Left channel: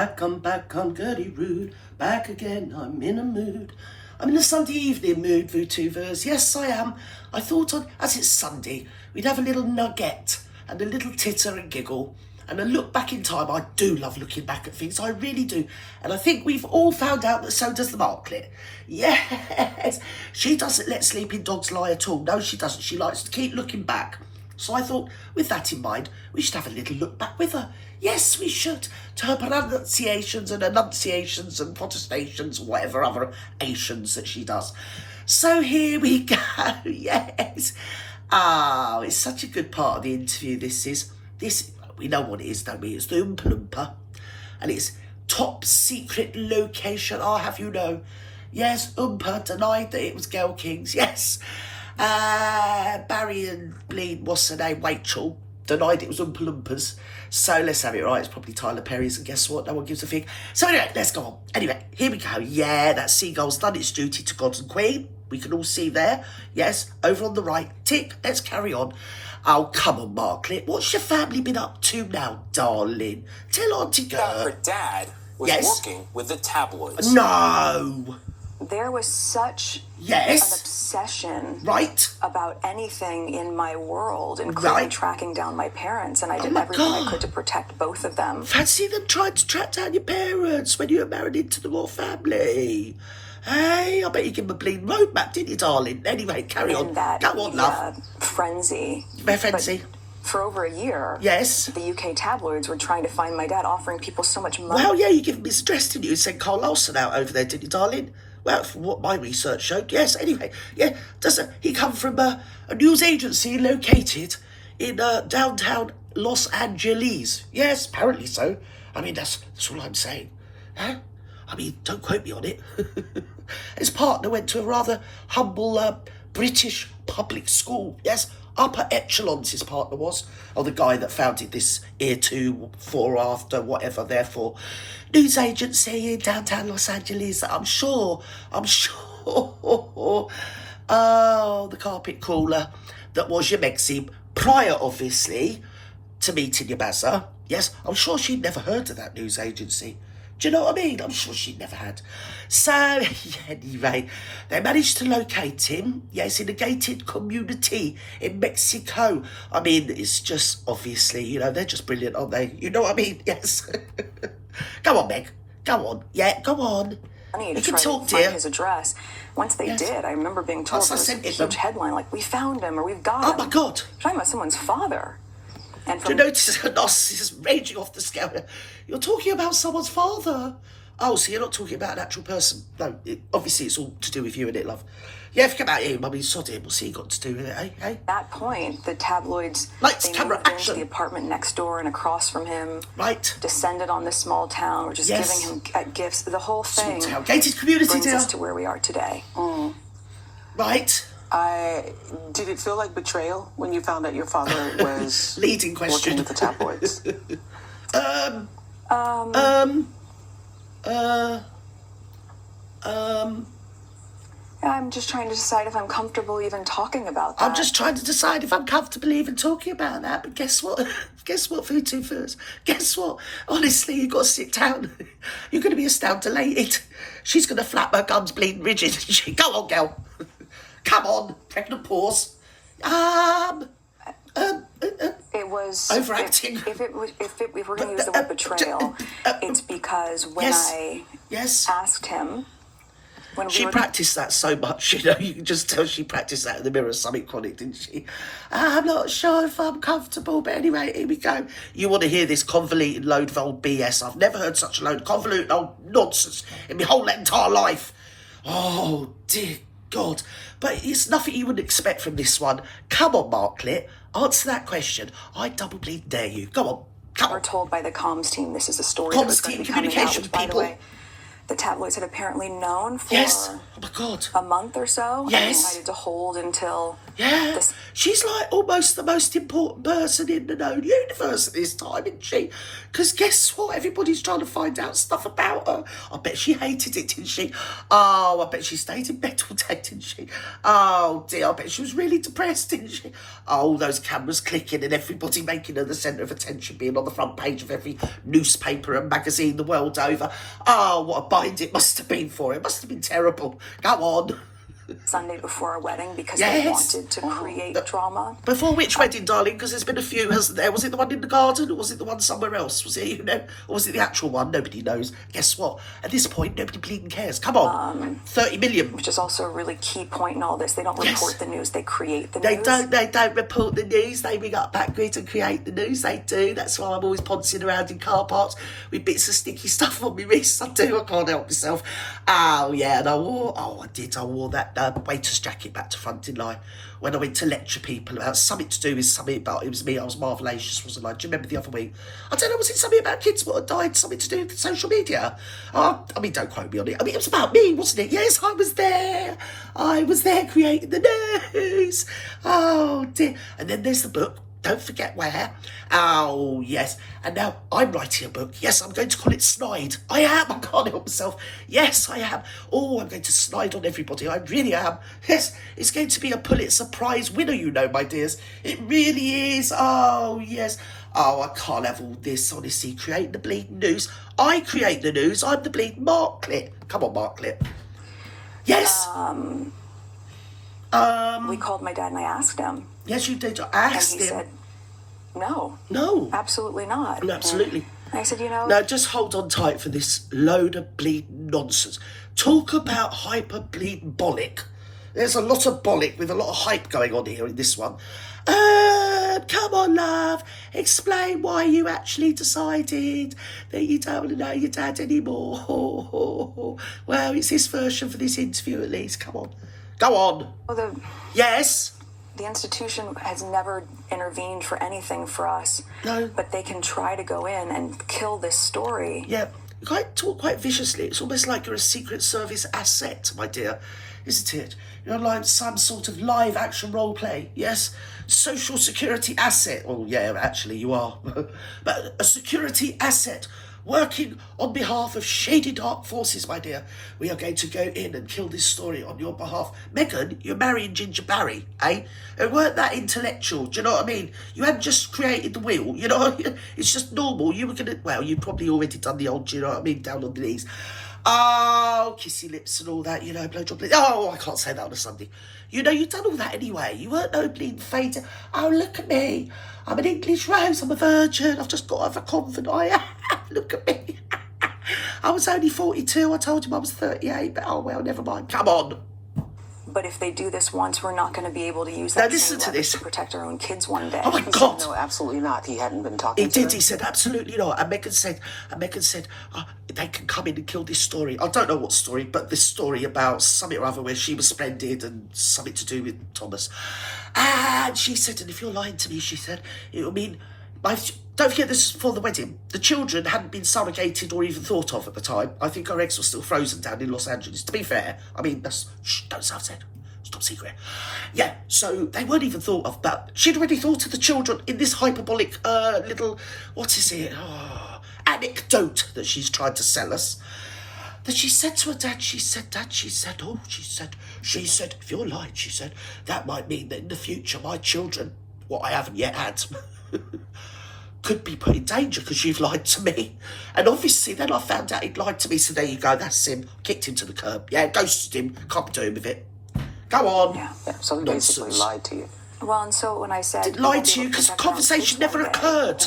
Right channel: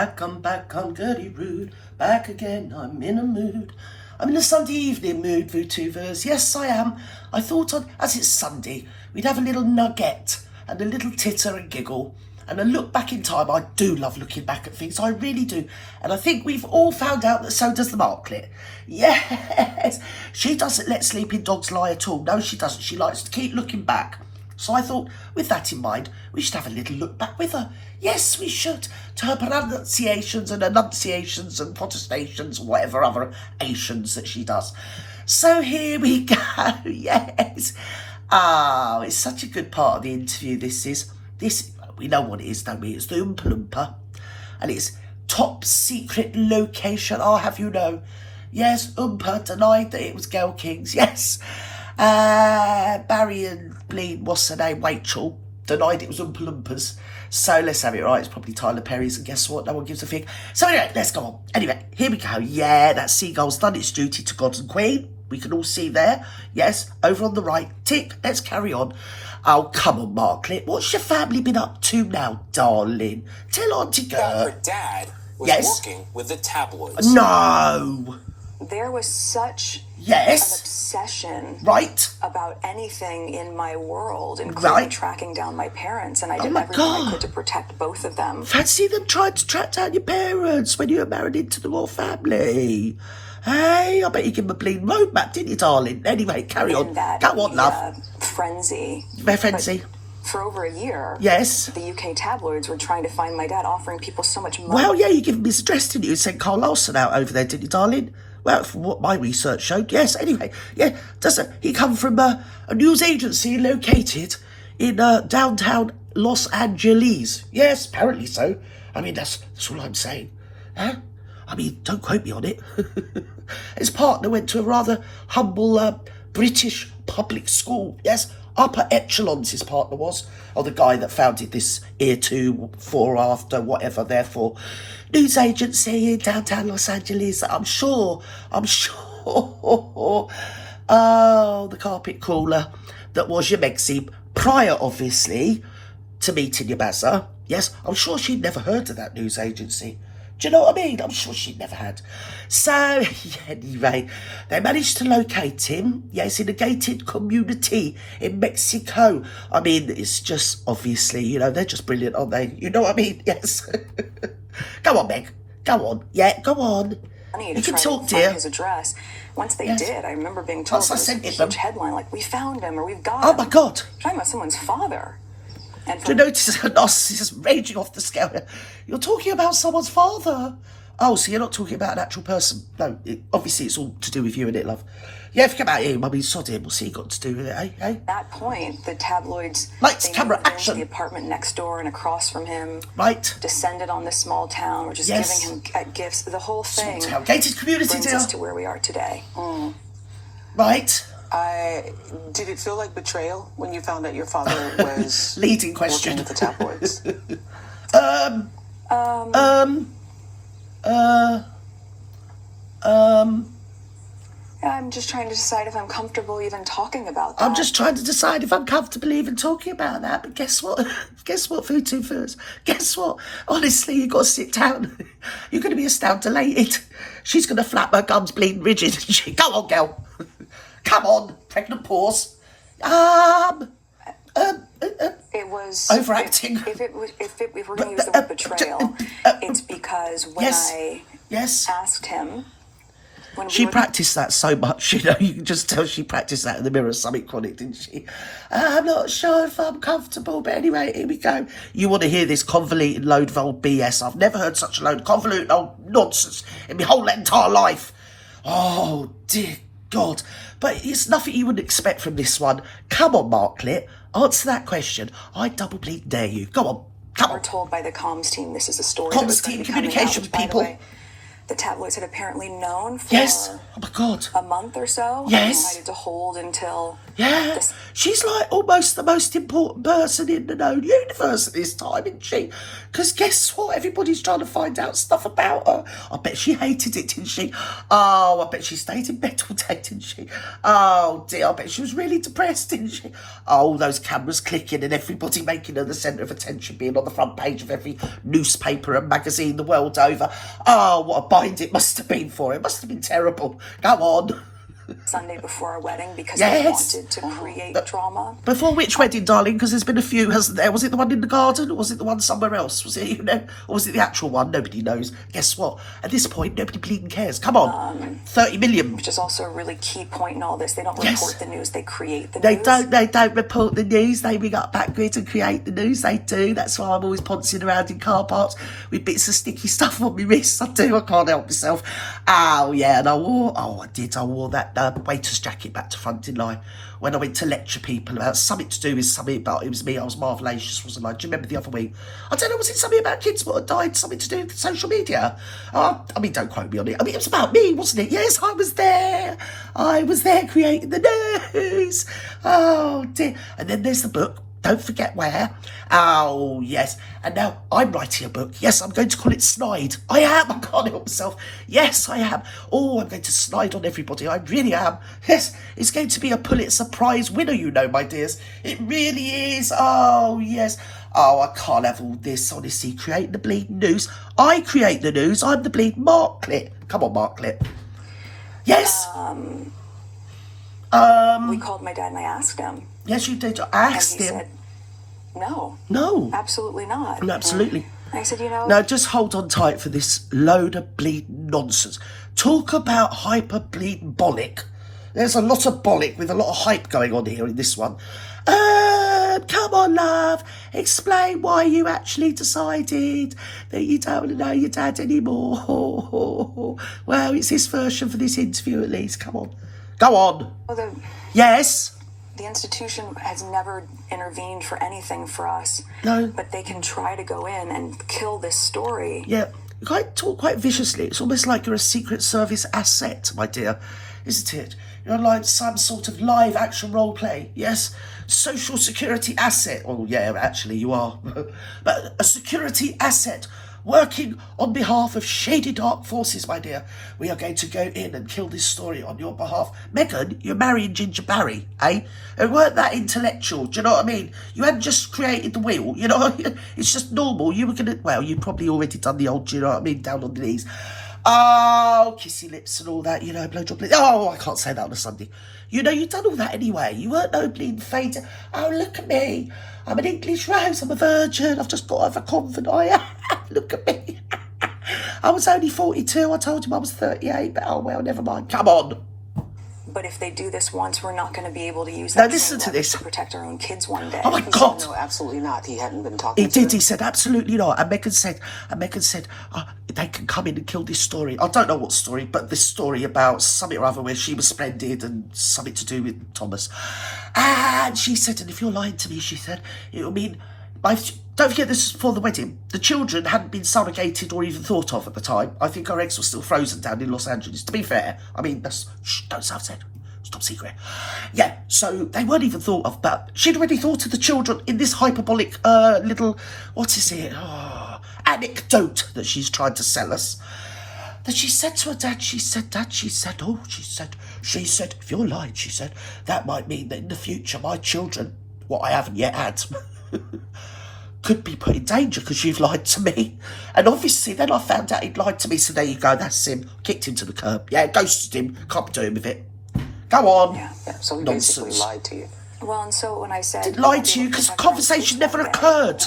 I'm back on Gertie Rude, back again, I'm in a mood. I'm in a Sunday evening mood, VooTubers. Yes, I am. I thought, as it's Sunday, we'd have a little nugget and a little titter and giggle and a look back in time. I do love looking back at things, I really do. And I think we've all found out that so does the Markle. Yes, she doesn't let sleeping dogs lie at all. No, she doesn't. She likes to keep looking back. So I thought, with that in mind, we should have a little look back with her. Yes, we should, to her pronunciations and enunciations and protestations and whatever other ations that she does. So here we go, yes. Oh, it's such a good part of the interview, this is. We know what it is, don't we? It's the Oompa Loompa, and it's top secret location, I'll have you know. Yes, Oompa denied that it was Girl Kings, yes. Barry and what's her name, Rachel, denied it was Oompa Loompas. So let's have it right, it's probably Tyler Perry's, and guess what, no one gives a fig. So anyway, let's go on. Anyway, here we go. Yeah, that seagull's done its duty to God and Queen. We can all see there. Yes, over on the right. Tick, let's carry on. Oh, come on, Markle. What's your family been up to now, darling? Tell Auntie Girl. Her dad was working with the tabloids. No. There was such an obsession about anything in my world, including tracking down my parents, and I did everything I could to protect both of them. Fancy them trying to track down your parents when you were married into the royal family. Hey, I bet you give them a bleeding roadmap, didn't you, darling? Anyway, carry on. That Go on, love. Frenzy. Frenzy. For over a year, the UK tabloids were trying to find my dad, offering people so much money. Well, yeah, you gave him his address, didn't you? You sent Carl Larson out over there, didn't you, darling? Well, from what my research showed, yes. Anyway, yeah, doesn't he come from a news agency located in downtown Los Angeles? Yes, apparently so. I mean, that's all I'm saying. Huh? I mean, don't quote me on it. His partner went to a rather humble British public school. Yes, upper echelons his partner was. Or the guy that founded this Ear 2, 4 After, whatever, therefore, news agency in downtown Los Angeles. I'm sure. Oh, the carpet crawler that was your Megxie, prior, obviously, to meeting your Bazza. Yes, I'm sure she'd never heard of that news agency. Do you know what I mean? I'm sure she never had. So, anyway, they managed to locate him. Yes, in a gated community in Mexico. I mean, it's just, obviously, you know, they're just brilliant, aren't they? You know what I mean? Yes. Go on, Meg. Go on. Yeah, go on. You can talk, dear. His address. Once they did, I remember being told there was a huge headline, like, we found him, or we've got him. Oh, my God. Talking about someone's father. And do you notice her narcissism raging off the scale? You're talking about someone's father. Oh, so you're not talking about an actual person. No, obviously it's all to do with you, isn't it, love? Yeah, forget about him. I mean, sod him. What's he got to do with it, eh? At that point, the tabloids, Lights, camera, moved action. into the apartment next door and across from him. Right. Descended on this small town, or just giving him gifts. The whole thing. Small town. Gated community, brings dear. us to where we are today. Right. Did it feel like betrayal when you found out your father was leading question working with the tabloids? I'm just trying to decide if I'm comfortable even talking about that. I'm just trying to decide if I'm comfortable even talking about that. But guess what? Guess what, VooTubers? Guess what? Honestly, you've got to sit down. You're going to be astounded. She's going to flap her gums bleeding rigid. Go on, girl. Come on, pregnant pause. It was overacting. If we're going to use the word betrayal, it's because when I asked him, she practiced that so much, you know. You can just tell she practiced that in the mirror, something chronic, didn't she? I'm not sure if I'm comfortable, but anyway, here we go. You want to hear this convoluted load of old BS? I've never heard such a load of convoluted old nonsense in my whole entire life. Oh dear God. But it's nothing you wouldn't expect from this one. Come on, Markle, answer that question. I double bleed dare you. Go on, come on. We're told by the comms team this is a story that was going to be coming out, which, by the way, the tabloids had apparently known for oh my God, a month or so. Yes. And decided to hold until Yeah, she's like almost the most important person in the known universe at this time, isn't she? Because guess what? Everybody's trying to find out stuff about her. I bet she hated it, didn't she? Oh, I bet she stayed in bed all day, didn't she? Oh, dear, I bet she was really depressed, didn't she? Oh, those cameras clicking and everybody making her the centre of attention, being on the front page of every newspaper and magazine the world over. Oh, what a bind it must have been for her. It must have been terrible. Come on. Sunday before our wedding because they wanted to create drama. Before which wedding, darling? Because there's been a few, hasn't there? Was it the one in the garden or was it the one somewhere else? Was it, you know, or was it the actual one? Nobody knows. Guess what? At this point, nobody bleeding cares. Come on. 30 million. Which is also a really key point in all this. They don't report the news, they create the news. They don't report the news. They ring up Backgrid and create the news. They do. That's why I'm always poncing around in car parks with bits of sticky stuff on my wrists. I do. I can't help myself. Oh, yeah. And I wore that waiter's jacket back to front, didn't I? When I went to lecture people about something to do with something about, it was me, I was marvellous, wasn't I? Do you remember the other week? I don't know, was it something about kids that had died, something to do with social media? I mean, don't quote me on it. I mean, it was about me, wasn't it? Yes, I was there creating the news. Oh, dear. And then there's the book. Don't forget where. Oh, yes. And now I'm writing a book. Yes, I'm going to call it Snide. I am. I can't help myself. Yes, I am. Oh, I'm going to snide on everybody. I really am. Yes, it's going to be a Pulitzer Prize winner, you know, my dears. It really is. Oh, yes. Oh, I can't have all this, honestly. Creating the bleeding news. I create the news. I'm the bleeding Markle. Come on, Markle. Yes. We called my dad and I asked him. Yes, you did. I asked and he him. Said, no. No. Absolutely not. No, absolutely. And I said, you know. Now, just hold on tight for this load of bleeding nonsense. Talk about hyperbolic. There's a lot of bollock with a lot of hype going on here in this one. Come on, love. Explain why you actually decided that you don't want to know your dad anymore. Well, it's his version for this interview at least. Come on. Go on. Well, yes? The institution has never intervened for anything for us. No. But they can try to go in and kill this story. Yeah. You talk quite viciously. It's almost like you're a Secret Service asset, my dear. Isn't it? You're like some sort of live action role play. Yes? Social security asset. Oh, yeah, actually, you are. But a security asset working on behalf of shady dark forces, my dear. We are going to go in and kill this story on your behalf. Meghan, you're marrying Ginger Barry, eh? It weren't that intellectual, do you know what I mean? You hadn't just created the wheel, you know? It's just normal. You were going to, well, you'd probably already done the old, do you know what I mean, down on the knees. Oh, kissy lips and all that, you know, blowjob lips. Oh, I can't say that on a Sunday. You know, you've done all that anyway. You weren't no bleeding faded. Oh, look at me. I'm an English rose. I'm a virgin. I've just got over confident. I am. Look at me. I was only 42. I told him I was 38. But, oh, well, never mind. Come on. But if they do this once, we're not going to be able to use now, that listen to this. To protect our own kids one day. Oh, my God. No, absolutely not. He hadn't been talking to He did. He said, absolutely not. And Meghan said, oh, they can come in and kill this story. I don't know what story, but this story about something or other where she was splendid and something to do with Thomas. And she said, and if you're lying to me, she said, it'll mean... Don't forget, this is for the wedding. The children hadn't been surrogated or even thought of at the time. I think our eggs were still frozen down in Los Angeles. To be fair, I mean, don't say I've said. Top secret. Yeah, so they weren't even thought of, but she'd already thought of the children in this hyperbolic little, what is it, anecdote that she's tried to sell us. That she said to her dad, she said, if you're lying, she said, that might mean that in the future my children, what I haven't yet had, could be put in danger because you've lied to me. And obviously then I found out he'd lied to me, so there you go, that's him. Kicked him to the curb. Yeah, ghosted him, can't do him with it. Go on. Yeah, so he basically lied to you. Well, and so when I said... Lied to you because the conversation never occurred.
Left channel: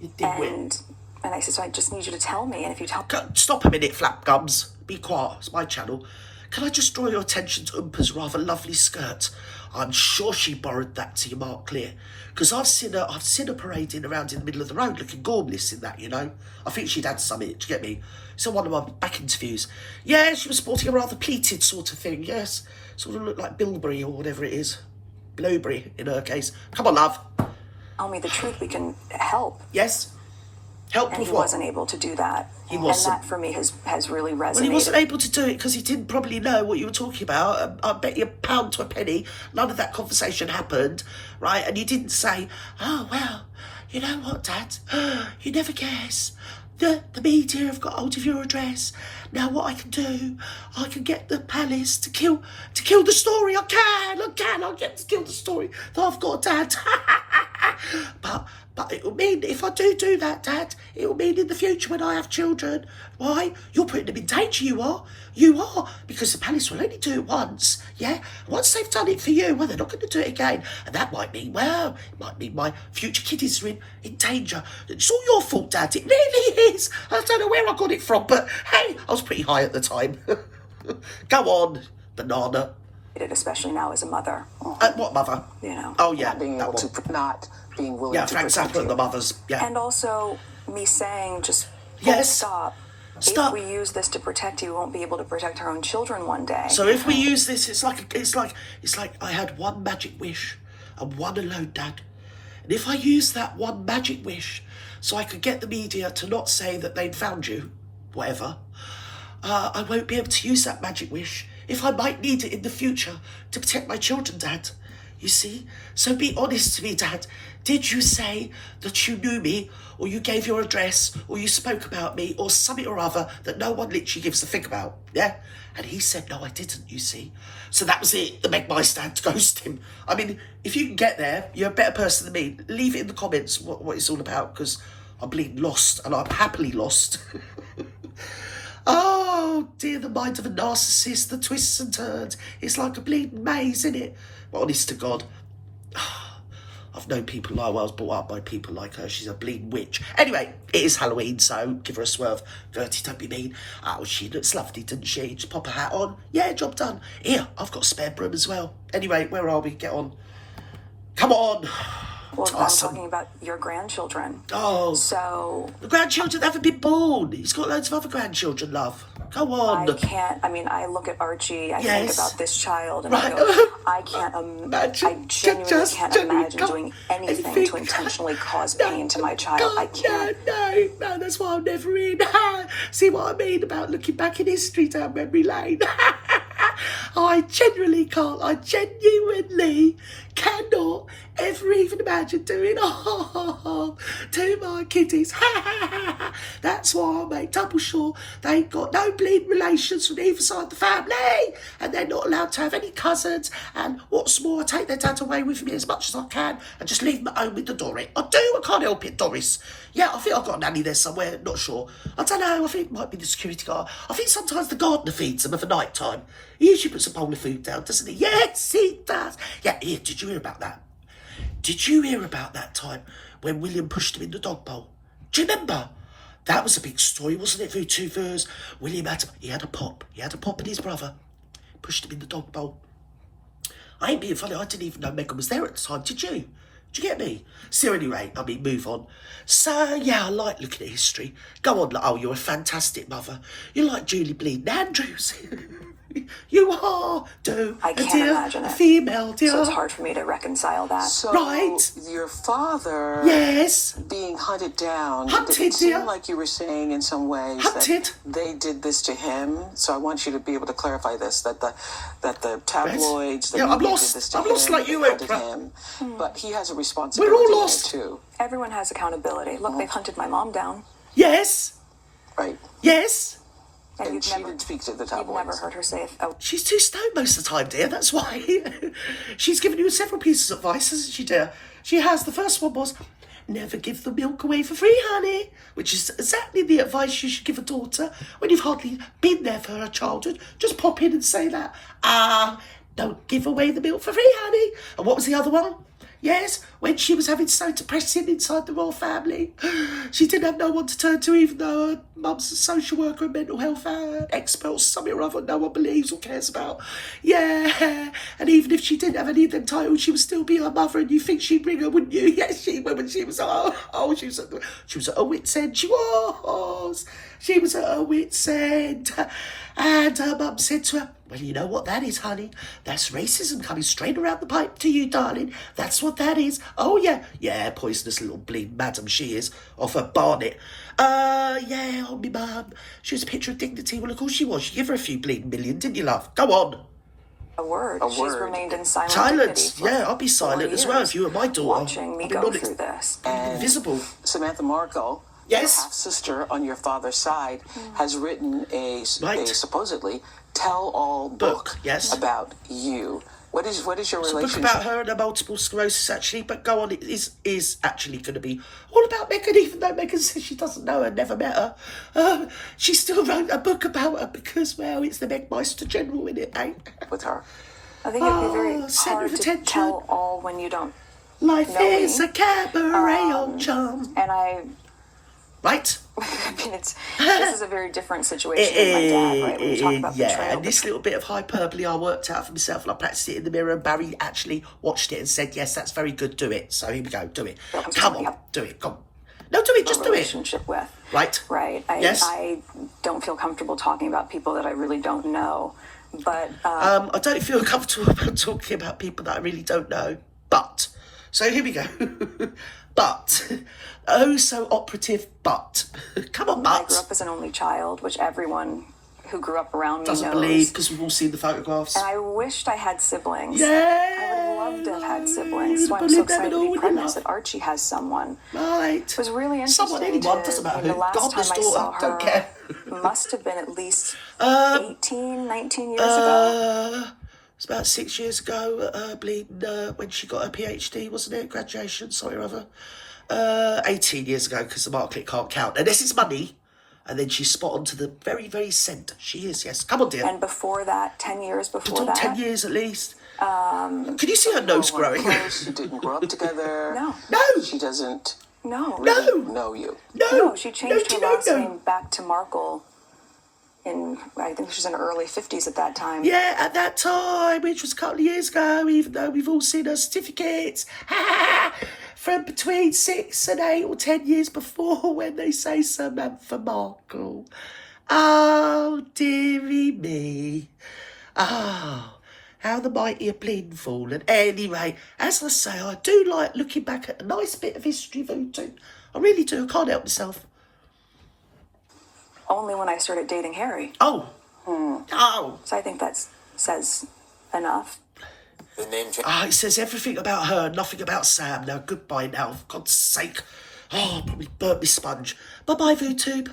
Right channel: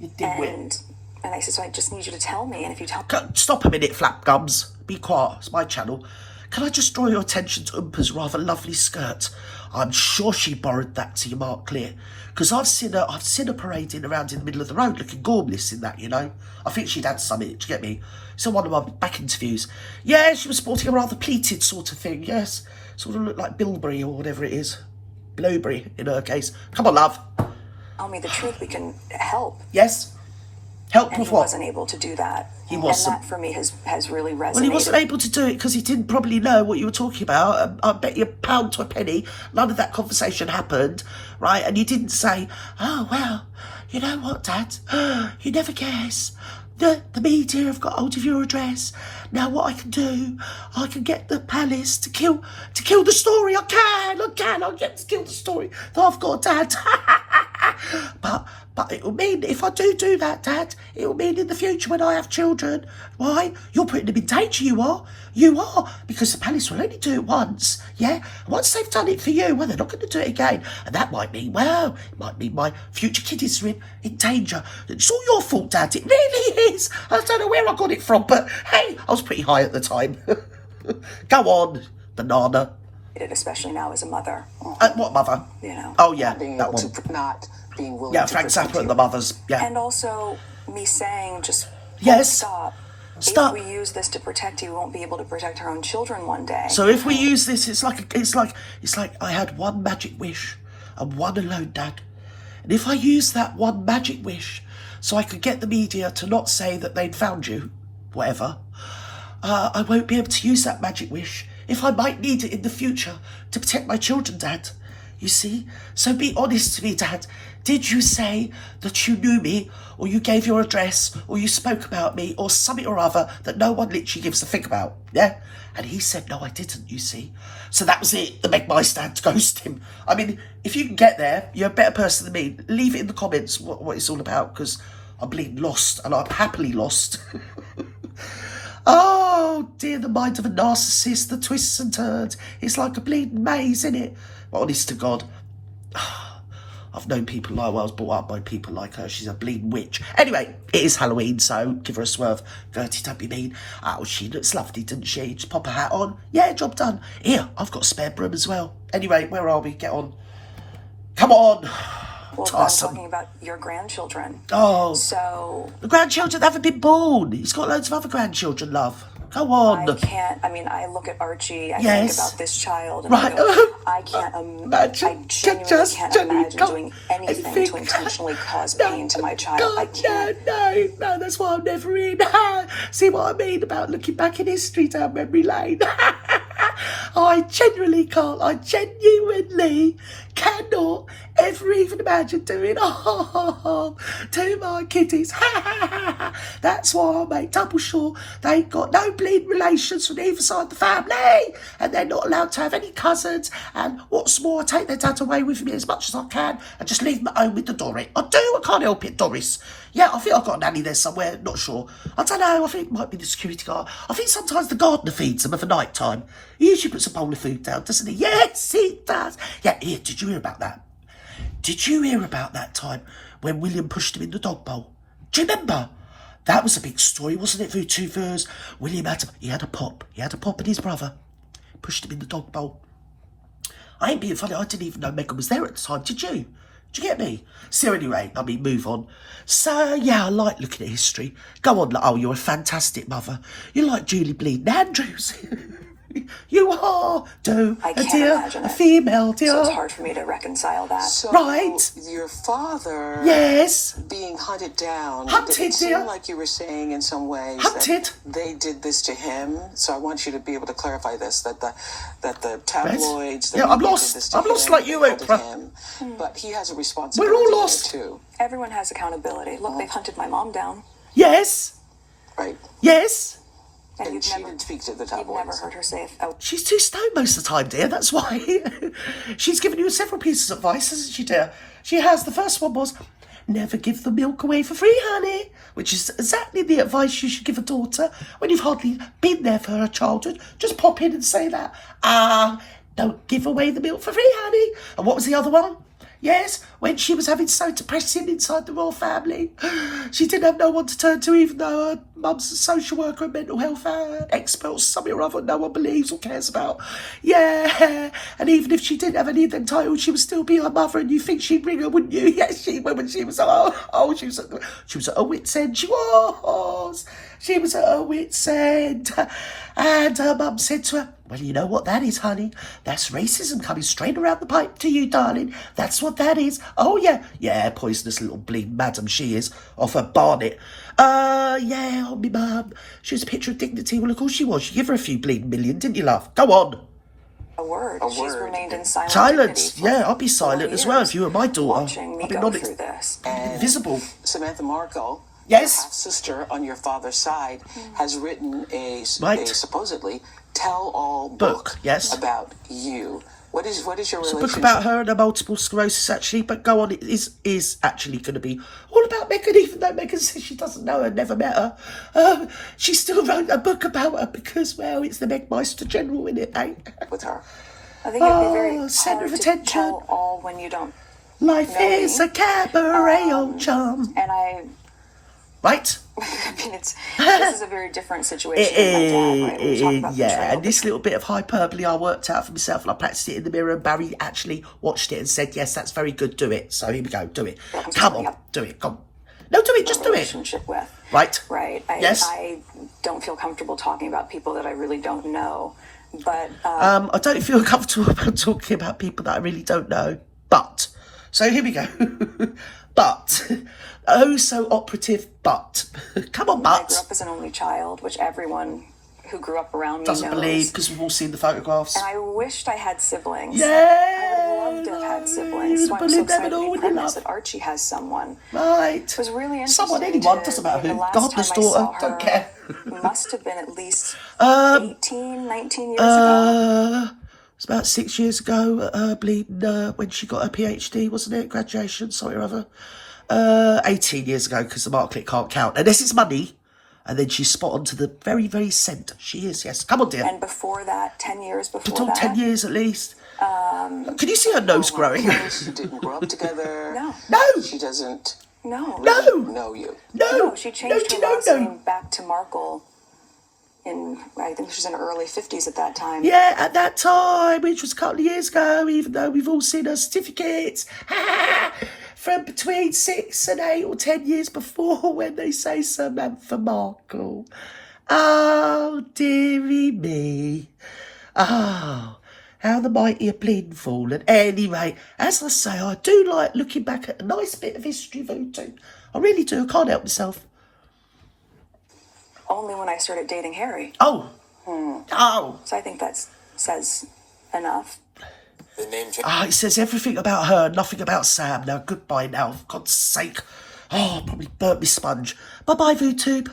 And I said, so I just need you to tell me, and if you tell... Stop a minute, flap gums. Be quiet, it's my channel. Can I just draw your attention to Oompa's rather lovely skirt? I'm sure she borrowed that to your Mark Clear. Because I've seen her parading around in the middle of the road looking gormless in that, you know. I think she'd had something, do you get me? So one of my back interviews. Yeah, she was sporting a rather pleated sort of thing, yes. Sort of looked like bilberry or whatever it is. Blowberry, in her case. Come on, love. Tell me the truth, we can help. Yes. Help and with he what? wasn't able to do that. He wasn't. And that for me has really resonated. Well, he wasn't able to do it because he didn't probably know what you were talking about. I bet you pound to a penny, none of that conversation happened, right? And you didn't say, oh, well, you know what, Dad? You never guess. The media have got hold of your address. Now what I can do, I can get the palace to kill the story. I'll get to kill the story that I've got a dad. But it will mean, if I do that, Dad, it will mean in the future when I have children, why? You're putting them in danger, you are. You are. Because the palace will only do it once, yeah? Once they've done it for you, well, they're not going to do it again. And that might mean, well, it might mean my future kiddies are in danger. It's all your fault, Dad. It really is. I don't know where I got it from, but hey, I was pretty high at the time. Go on, banana. Especially now as a mother. What mother? You know. Oh, yeah. Not being willing to protect Frank Zappa and the mothers. Yeah. And also me saying just stop. Stop. If we use this to protect you, we won't be able to protect our own children one day. So if we use this, it's like I had one magic wish and one alone, Dad. And if I use that one magic wish so I could get the media to not say that they'd found you, whatever, I won't be able to use that magic wish if I might need it in the future to protect my children, Dad. You see? So be honest to me, Dad. Did you say that you knew me, or you gave your address, or you spoke about me, or something or other that no one literally gives a thing about? Yeah? And he said, no, I didn't, you see. So that was it, the Meg my stand to ghost him. I mean, if you can get there, you're a better person than me. Leave it in the comments what it's all about, because I'm bleeding lost, and I'm happily lost. Oh, dear, the mind of a narcissist, the twists and turns. It's like a bleeding maze, isn't it? Honest to God. I've known people like, well, I was brought up by people like her. She's a bleeding witch. Anyway, it is Halloween, so give her a swerve. Gertie, don't be mean. Oh, she looks lovely, doesn't she? Just pop a hat on. Yeah, job done. Here, I've got a spare broom as well. Anyway, where are we? Get on. Come on. Well, I'm talking about your grandchildren. Oh. So... The grandchildren haven't been born. He's got loads of other grandchildren, love. Go on. I look at Archie, I think about this child, and right. I genuinely can't imagine doing anything to intentionally cause pain to my child. I can't. No, that's why I'm never in. See what I mean about looking back in history down memory lane? I genuinely can't. I genuinely cannot ever even imagine doing to my kiddies. That's why I make double sure they've got no bleeding relations from either side of the family, and they're not allowed to have any cousins. And what's more, I take their dad away with me as much as I can and just leave them at home with the Dory. I do. I can't help it, Doris. Yeah, I think I've got a nanny there somewhere. Not sure. I don't know. I think it might be the security guard. I think sometimes the gardener feeds them at the night time. He usually puts a bowl of food down, doesn't he? Yes, he does. Yeah, here, did you hear about that? Did you hear about that time when William pushed him in the dog bowl? Do you remember? That was a big story, wasn't it, VTubers? William had a pop. He had a pop in his brother. Pushed him in the dog bowl. I ain't being funny. I didn't even know Meghan was there at the time. Did you? Did you get me? So anyway, move on. So, yeah, I like looking at history. Go on. Oh, you're a fantastic mother. You're like Julie Bleeding Andrews. You are, I can't imagine a female, dear. So it's hard for me to reconcile that. So right. Your father, yes, being hunted down. Hunted, it seemed like you were saying in some ways that they did this to him. So I want you to be able to clarify this: that the tabloids, I'm lost. Did this to I'm him, lost like you, Oprah. But he has a responsibility. We're all lost too. Everyone has accountability. Look, they hunted my mom down. Yes. Right. Yes. And she didn't speak to the tabloids. You've never heard her say, oh. She's too stoned most of the time, dear. That's why. She's given you several pieces of advice, hasn't she, dear? She has. The first one was, never give the milk away for free, honey. Which is exactly the advice you should give a daughter when you've hardly been there for her childhood. Just pop in and say that. Don't give away the milk for free, honey. And what was the other one? Yes, when she was having so depressing inside the royal family, she didn't have no one to turn to, even though her mum's a social worker and mental health expert or something or other no one believes or cares about. Yeah, and even if she didn't have any of them titles, she would still be her mother, and you think she'd bring her, wouldn't you? Yes, she would when she was she was at her wit's end. She was. She was at her wit's end. And her mum said to her, well, you know what that is, honey? That's racism coming straight around the pipe to you, darling. That's what that is. Oh, yeah. Yeah, poisonous little bleeding madam she is, off her barnet. Yeah, oh, me mum. She was a picture of dignity. Well, of course she was. You give her a few bleeding million, didn't you, love? Go on. A word. She's remained in silence. Silence. Yeah, I'll be silent as well if you were my daughter. Watching me go through this. Invisible. Samantha Markle, yes, your half-sister on your father's side, has written a supposedly tell-all book about you. What is your relationship? It's a book about her and her multiple sclerosis, actually. But go on, it is actually going to be all about Meghan, even though Meghan says she doesn't know her, never met her. She still wrote a book about her because, well, it's the Megmeister General in it, eh? With her. I think it'd be very hard to tell all when you don't Life know is me. a cabaret, old chum. And I... Right? I mean, this is a very different situation with my dad, right? When you talk about betrayal. And this little bit of hyperbole I worked out for myself, and I practiced it in the mirror, and Barry actually watched it and said, yes, that's very good, do it. So here we go, do it. Come on, do it, come on. No, do it, just do it. Relationship with. Right. Right. I don't feel comfortable talking about people that I really don't know, but... I don't feel comfortable about talking about people that I really don't know, but... So here we go. But... Oh, so operative, but. Come on, but. I grew up as an only child, which everyone who grew up around me doesn't knows. believe, because we've all seen the photographs. And I wished I had siblings. Yeah. I would have loved to have had siblings. So I'm so excited to be pregnant that Archie has someone. Right. It was really interesting. Someone, anyone, doesn't matter. The last God's time I daughter, saw her don't care. must have been at least 18, 19 years ago. It's about 6 years ago, bleeding, when she got her PhD, wasn't it? Graduation, sorry or other. 18 years ago, because the Markle can't count. And this is money. And then she's spot on to the very, very centre. She is, yes. Come on, dear. And before that, 10 years before that. 10 years at least. Can you see her nose growing? She didn't grow up together. No. No. She doesn't really know you. No, she changed her last name back to Markle. I think she was in her early 50s at that time. Yeah, at that time, which was a couple of years ago, even though we've all seen her certificates. From between 6 and 8 or 10 years before, when they say Samantha Markle. Oh, dearie me. Oh, how the mighty have bleeding fallen. Anyway, as I say, I do like looking back at a nice bit of history, Voodoo. I really do. I can't help myself. Only when I started dating Harry. Oh. Oh. So I think that says enough. The name change. It says everything about her, nothing about Sam. Now, goodbye now, for God's sake. Oh, probably burnt me sponge. Bye-bye, VooTube.